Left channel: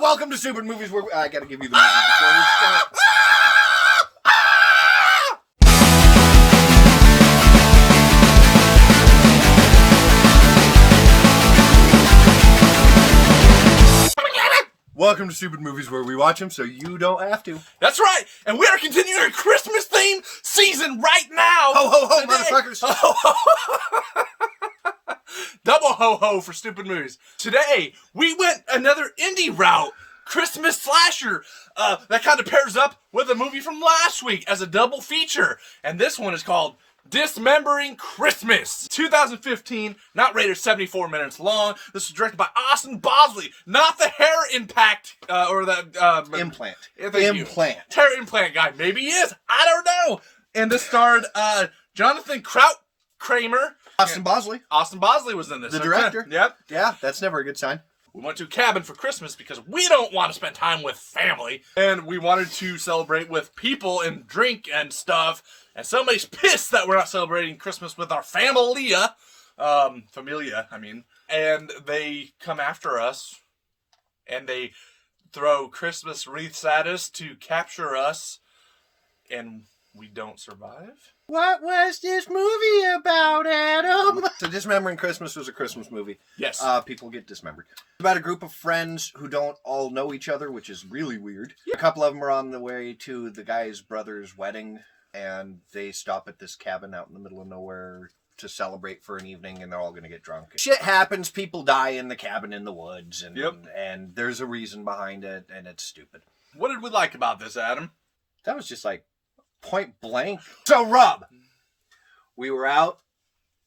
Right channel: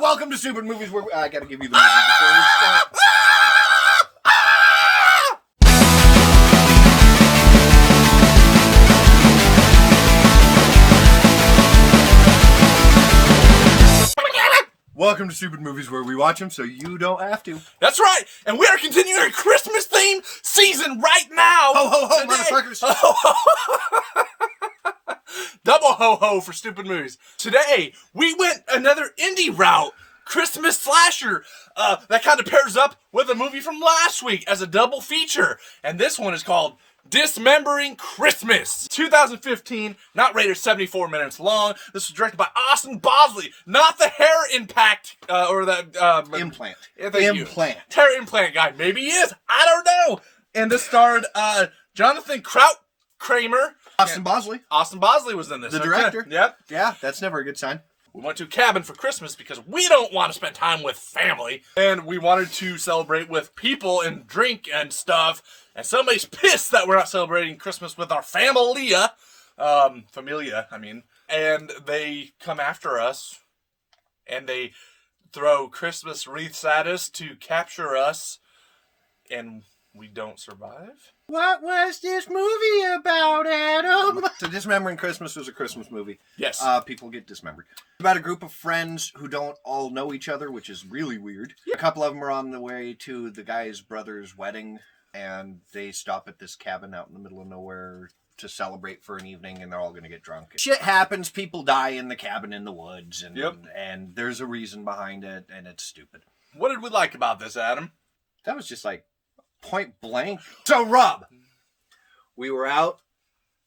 Welcome to Stoopid Movies, where I gotta give you the movie before we start. Welcome to Stoopid Movies, where we watch them so you don't have to. That's right, and we are continuing a Christmas theme season right now. Ho ho ho, today. motherfuckers! Ho, ho, ho. Double ho ho for Stoopid Movies. Today we went another indie route, Christmas slasher. That kind of pairs up with a movie from last week as a double feature, and this one is called Dismembering Christmas. 2015, not rated 74 minutes long. This was directed by Austin Bosley, not the hair impact or the Implant. Implant. Hair implant guy. Maybe he is. I don't know. And this starred Jonathan Kramer. Austin Bosley. Austin Bosley was in this. The director. Yep. Yeah, that's never a good sign. We went to a cabin for Christmas because we don't want to spend time with family. And we wanted to celebrate with people and drink and stuff. And somebody's pissed that we're not celebrating Christmas with our familia. And they come after us. And they throw Christmas wreaths at us to capture us. And we don't survive. What was this movie about, Adam? So Dismembering Christmas was a Christmas movie. Yes. People get dismembered. It's about a group of friends who don't all know each other, which is really weird. A couple of them are on the way to the guy's brother's wedding, and they stop at this cabin out in the middle of nowhere to celebrate for an evening, and they're all going to get drunk. Shit happens. People die in the cabin in the woods, and there's a reason behind it, and it's stupid. What did we like about this, Adam? That was just like point blank. So, Rob, we were out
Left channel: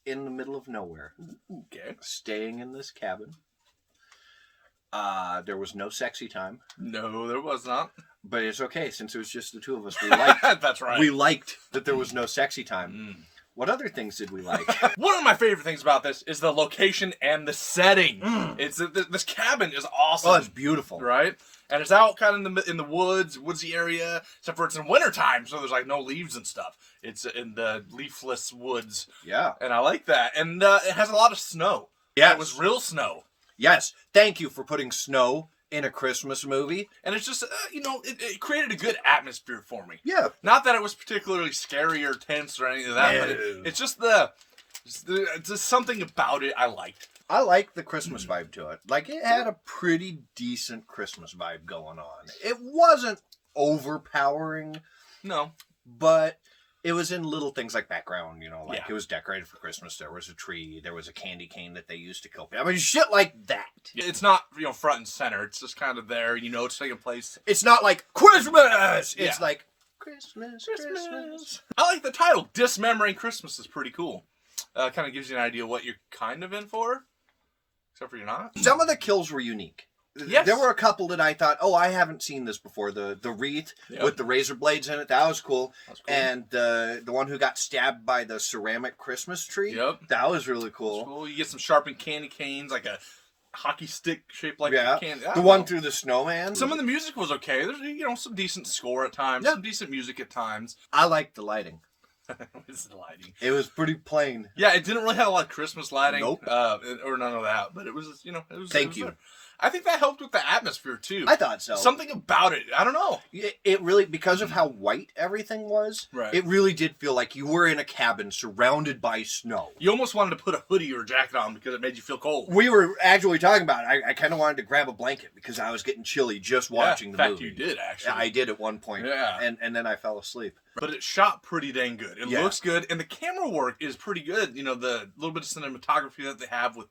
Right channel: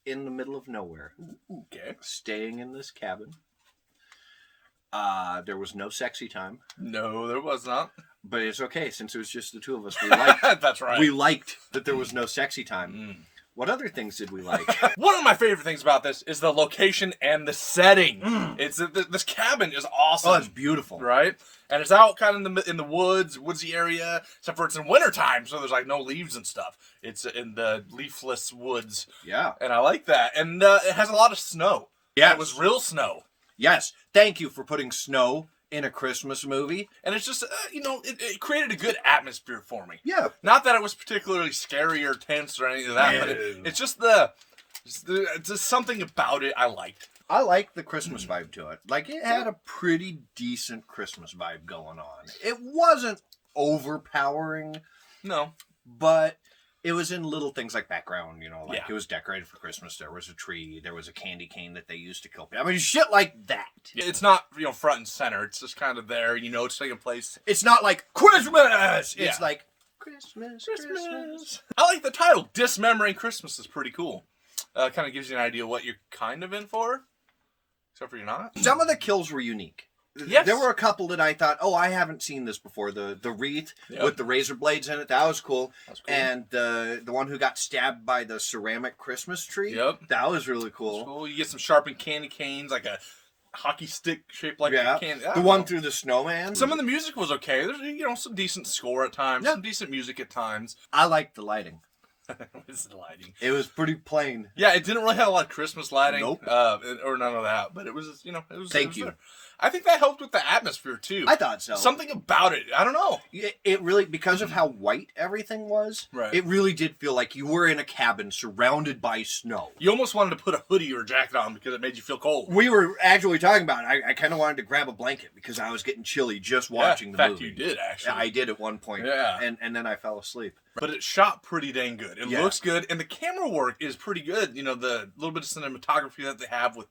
in the middle of nowhere. Okay. Staying in this cabin. There was no sexy time. No, there was not. But it's okay, since it was just the two of us. We liked That's right. We liked that there was no sexy time. What other things did we like? One of my favorite things about this is the location and the setting. It's this cabin is awesome. Oh, it's beautiful. Right? And it's out kind of in the woodsy area, except for it's in wintertime, so there's like no leaves and stuff. It's in the leafless woods. Yeah. And I like that. And it has a lot of snow. Yeah. It was real snow. Yes. Thank you for putting snow in a Christmas movie. And it's just, it created a good atmosphere for me. Yeah. Not that it was particularly scary or tense or anything of that, but it's just just something about it I liked. I like the Christmas vibe to it. Like, it had a pretty decent Christmas vibe going on. It wasn't overpowering. No. But it was in little things like background, It was decorated for Christmas. There was a tree. There was a candy cane that they used to kill people. I mean, shit like that. It's not, front and center. It's just kind of there. It's taking place. It's not like Christmas. It's like Christmas. I like the title. Dismembering Christmas is pretty cool. Kind of gives you an idea what you're kind of in for. Except for you're not. Some of the kills were unique. Yes. There were a couple that I thought, I haven't seen this before. The wreath with the razor blades in it, that was cool. And the one who got stabbed by the ceramic Christmas tree, that was really cool. Cool. You get some sharpened candy canes, like a hockey stick shaped like a candy. The one through the snowman. Some of the music was okay. There's some decent score at times, some decent music at times. I liked the lighting. It's the lighting. It was pretty plain. Yeah, it didn't really have a lot of Christmas lighting. Nope. Or none of that. But it was, Thank you. There. I think that helped with the atmosphere, too. I thought so. Something about it. I don't know. It really, because of how white everything was, it really did feel like you were in a cabin surrounded by snow. You almost wanted to put a hoodie or a jacket on because it made you feel cold. We were actually talking about it. I kind of wanted to grab a blanket because I was getting chilly just watching the movie. In fact, you did, actually. Yeah, I did at one point. Yeah. And then I fell asleep. But it shot pretty dang good. It looks good. And the camera work is pretty good. The little bit of cinematography that they have with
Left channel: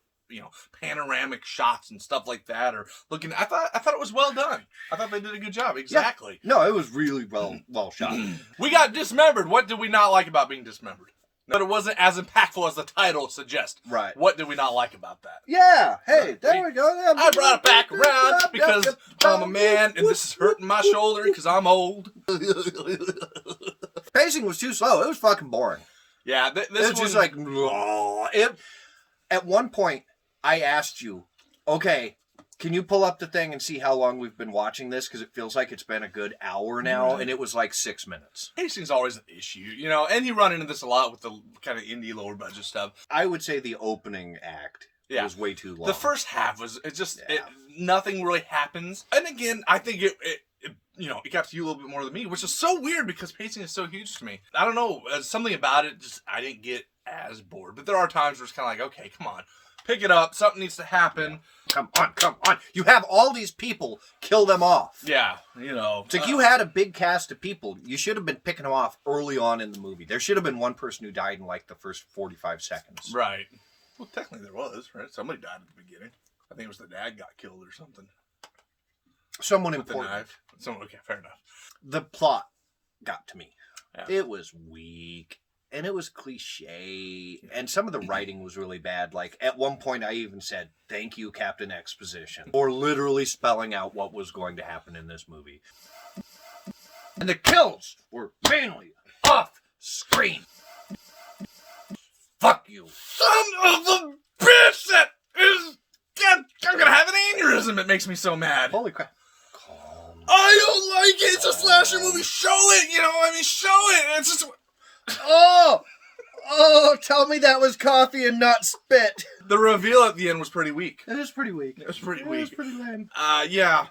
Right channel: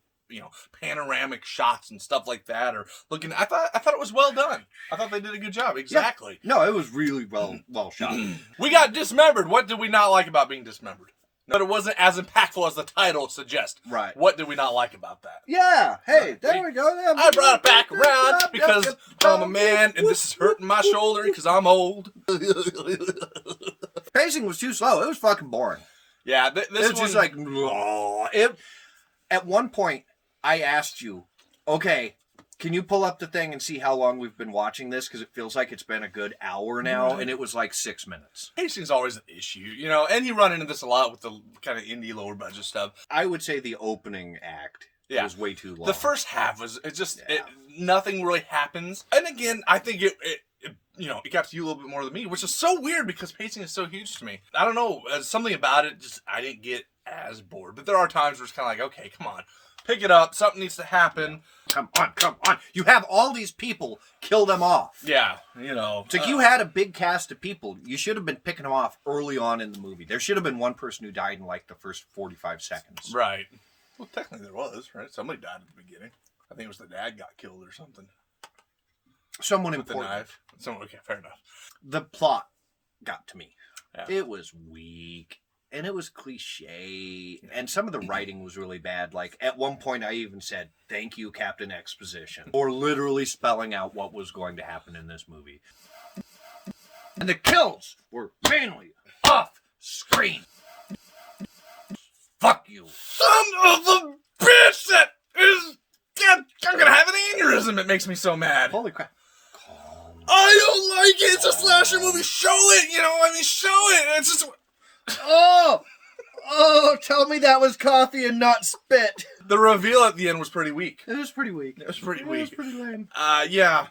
panoramic shots and stuff like that, or looking. I thought it was well done. I thought they did a good job. Exactly. Yeah. No, it was really well shot. We got dismembered. What did we not like about being dismembered? But it wasn't as impactful as the title suggests. Right. What did we not like about that? Yeah. Hey, there we go. I brought it back around because I'm a man and this is hurting my shoulder because I'm old. Pacing was too slow. It was fucking boring. Yeah. This was just like, at one point, I asked you, okay, can you pull up the thing and see how long we've been watching this? Because it feels like it's been a good hour now, and it was like 6 minutes. Pacing's always an issue, and you run into this a lot with the kind of indie lower budget stuff. I would say the opening act It was way too long. The first half was nothing really happens. And again, I think it got to you a little bit more than me, which is so weird because pacing is so huge to me. I don't know, something about it I didn't get as bored. But there are times where it's kind of like, okay, come on, pick it up. Something needs to happen. Come on. You have all these people. Kill them off. Yeah, It's like you had a big cast of people. You should have been picking them off early on in the movie. There should have been one person who died in like the first 45 seconds. Right. Well, technically there was, right? Somebody died at the beginning. I think it was the dad got killed or something. Someone With important. the knife. Okay, fair enough. The plot got to me. Yeah. It was weak. And it was cliche. And some of the writing was really bad. Like, at one point I even said, "Thank you, Captain Exposition," for literally spelling out what was going to happen in this movie. And the kills were mainly off screen. Fuck you. Son of a bitch that is... I'm gonna have an aneurysm. It makes me so mad. Holy crap. I don't like it. It's a slasher movie. Show it. Show it. It's just... Oh, tell me that was coffee and not spit. The reveal at the end was pretty weak. It was pretty weak. It was pretty weak. It was pretty lame. Yeah.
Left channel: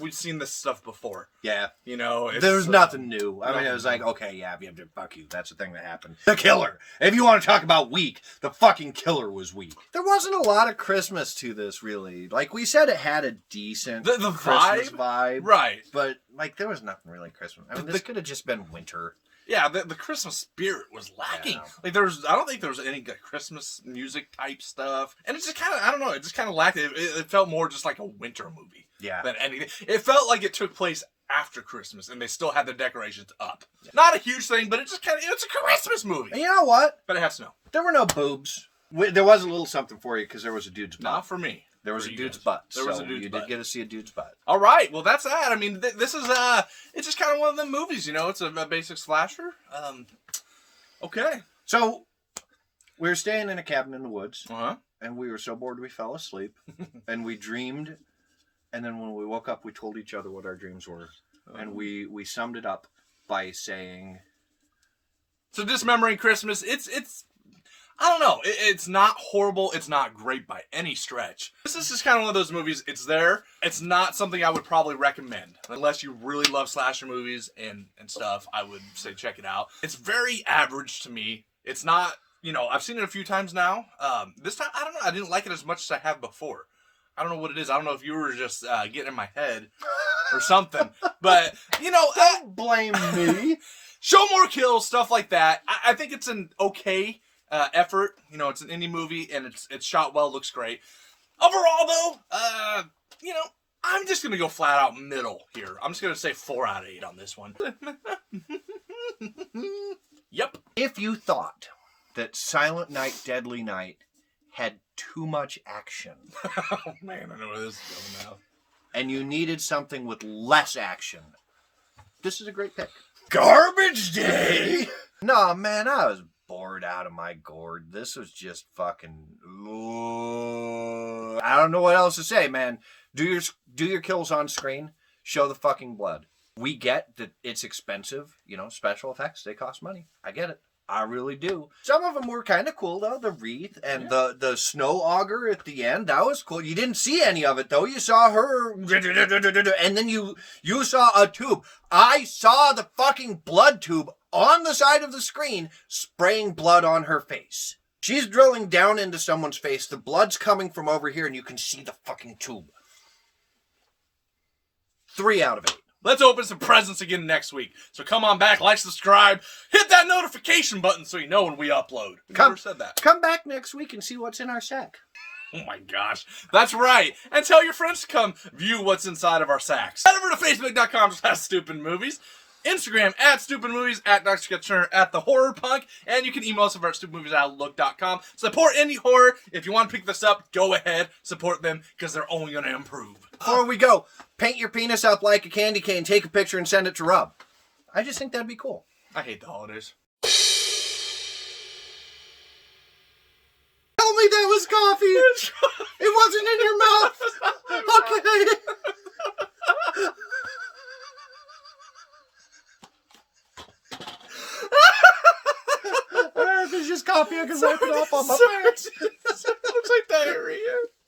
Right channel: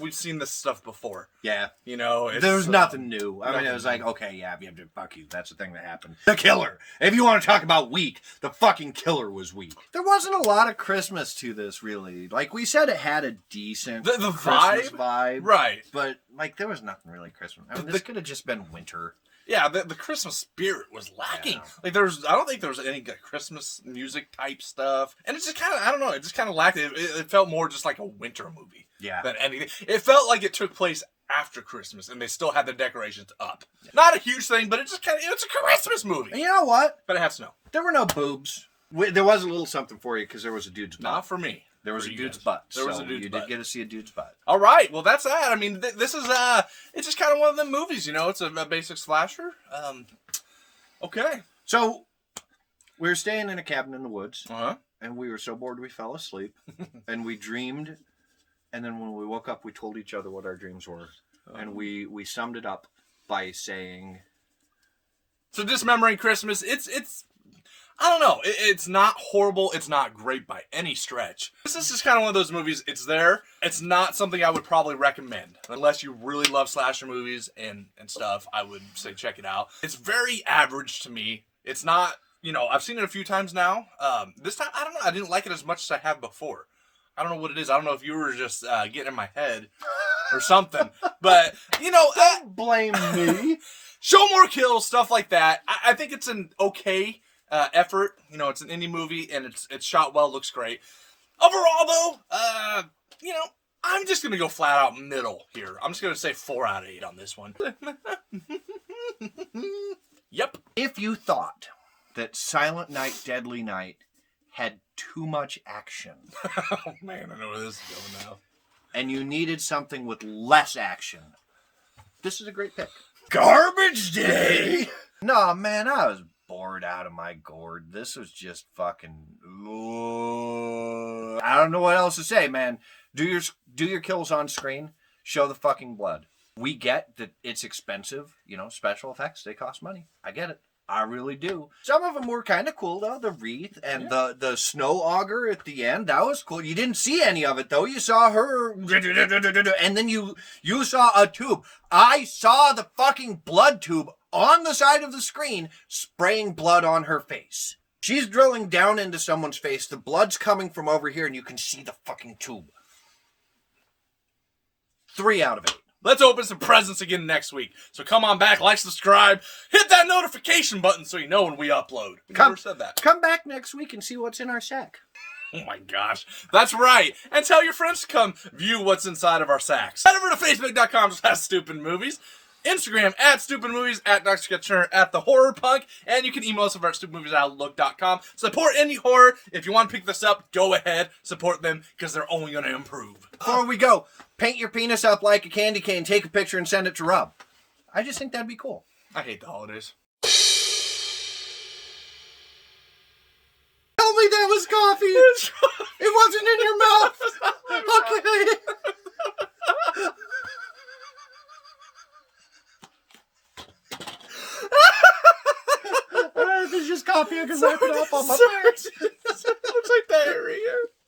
We've seen this stuff before. Yeah. There was nothing new. I mean, it was like, okay, yeah, fuck you. That's the thing that happened. The killer. If you want to talk about weak, the fucking killer was weak. There wasn't a lot of Christmas to this, really. Like we said, it had a decent the Christmas vibe. Right. But, like, there was nothing really Christmas. I mean, this could have just been winter. Yeah, the Christmas spirit was lacking. Yeah. Like I don't think there was any Christmas music type stuff, and it just kind of, I don't know, it just kind of lacked it. It felt more just like a winter movie, than anything. It felt like it took place after Christmas, and they still had the decorations up. Yeah. Not a huge thing, but it just kind of, it's a Christmas movie. And you know what? But it had snow. There were no boobs. There was a little something for you because there was a dude's butt. Not for me. There was a dude's butt. You did get to see a dude's butt. All right. Well, that's that. I mean, this is it's just kind of one of them movies, It's a basic slasher. Okay. So we were staying in a cabin in the woods, and we were so bored we fell asleep, and we dreamed, and then when we woke up, we told each other what our dreams were, and we summed it up by saying, "So Dismembering Christmas, it's." I don't know. It's not horrible. It's not great by any stretch. This is just kind of one of those movies. It's there. It's not something I would probably recommend. Unless you really love slasher movies and stuff, I would say check it out. It's very average to me. It's not, I've seen it a few times now. This time, I don't know. I didn't like it as much as I have before. I don't know what it is. I don't know if you were just getting in my head or something. But, don't blame me. Show more kills, stuff like that. I think it's an okay effort. It's an indie movie and it's shot well, looks great. Overall though, I'm just gonna go flat out middle here. I'm just gonna say 4 out of 8 on this one. Yep. If you thought that Silent Night, Deadly Night had too much action. Oh man, I know where this is going now. And you needed something with less action, this is a great pick. Garbage Day! No, man, I was bored out of my gourd. This was just fucking... I don't know what else to say, man. Do your kills on screen. Show the fucking blood. We get that it's expensive. Special effects, they cost money. I get it. I really do. Some of them were kind of cool, though. The wreath and the snow auger at the end. That was cool. You didn't see any of it, though. You saw her... And then you saw a tube. I saw the fucking blood tube on the side of the screen, spraying blood on her face. She's drilling down into someone's face. The blood's coming from over here, and you can see the fucking tube. 3 out of 8. Let's open some presents again next week. So come on back, like, subscribe, hit that notification button so you know when we upload. We never said that. Come back next week and see what's in our sack. Oh my gosh. That's right. And tell your friends to come view what's inside of our sacks. Head over to Facebook.com/Stoopid Movies. Instagram @Stoopid Movies, @Dr. Scott Turner, @The Horror Punk, and you can email us over at stupidmovies@outlook.com. Support indie horror. If you want to pick this up, go ahead, support them because they're only going to improve. Before we go, paint your penis up like a candy cane, take a picture, and send it to Rob. I just think that'd be cool. I hate the holidays. Tell me that was coffee. It wasn't in your mouth. Okay. This is just coffee. I can wipe it off on my face.